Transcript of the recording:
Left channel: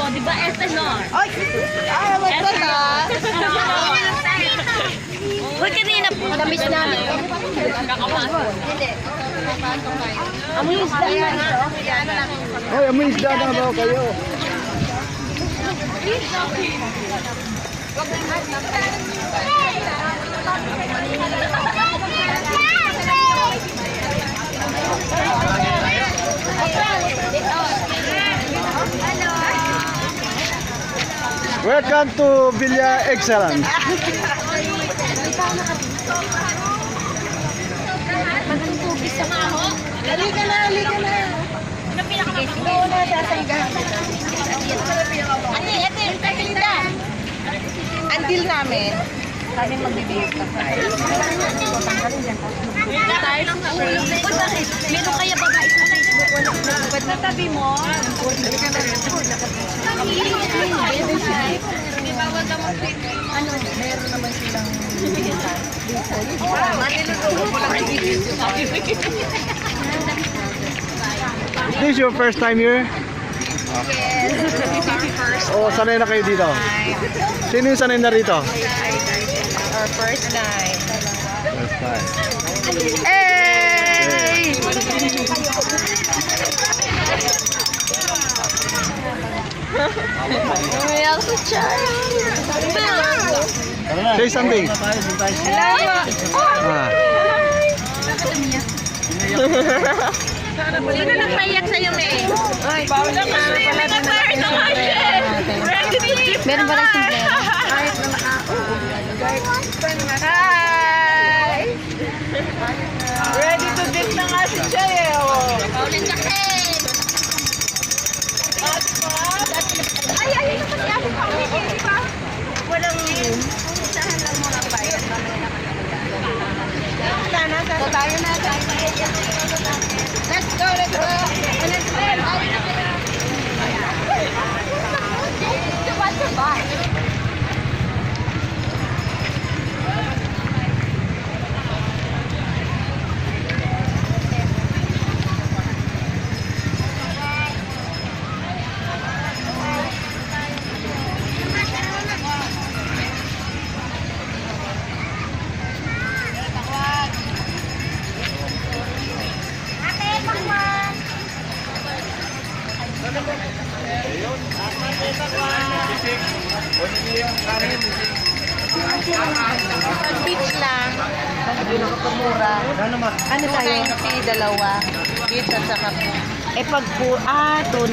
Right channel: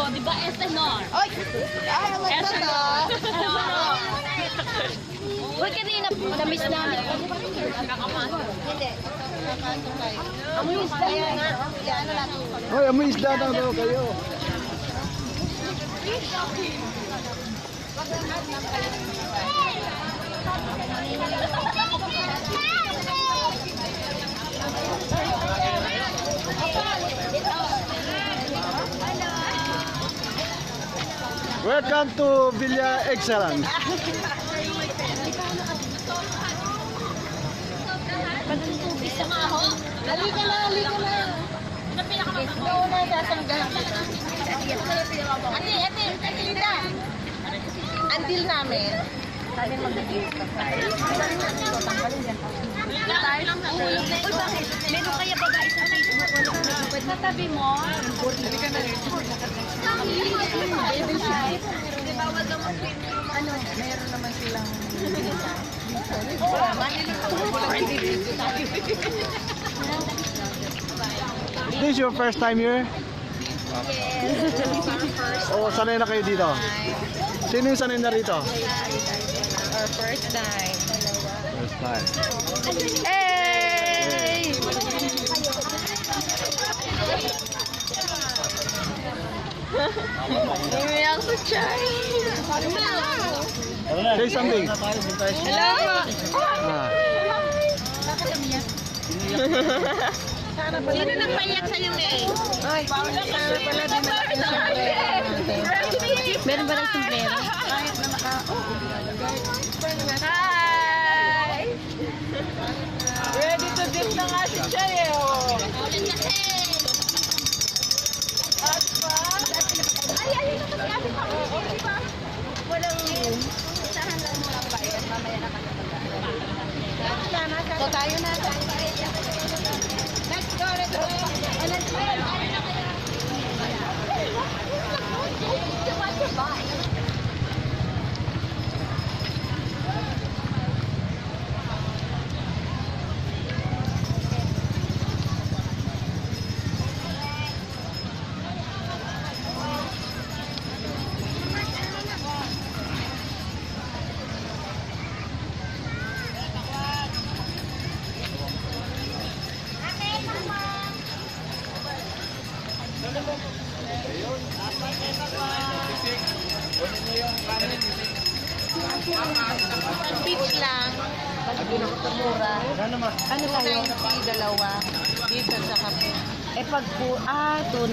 Oh, di ba SNR? Ay, wag ka. Uy, kanina po. Tamis namin. Amoy isda yan. Hoy, amoy isda na daw kayo. Welcome to Villa Excellence. Halika na, halika na. Doon na, sasanggahan kita. Ate, Linda. Until namin, kami magbibihis pa sa tanggalin dyan. Meron kaya babae sa Facebook, walang na tabi mo. Ano, meron naman silang bibigyan. Is this your first time here? Yes, this is our first O sanay na kayo dito? time. Sino yung sanay na rito? Our first time. First time. Hey! Umiyak sa chat. Say something. Hello! Ah. Sino nang payak sa'yo, May? Meron ba rin sombrero? Hi! Ready to dip na nga si Chay eh. Paulit kasi. Ay, ito kasi ate pa ulit eh, di ba? Walang room. Isahan lang mo lang bayad, mamaya na kami magdaan. So tayo na, Let's go, let's go. Let's go. Beach lang. Pinakamura. Ano tayo? 290, dalawa. Beach at saka po. Eh pag po,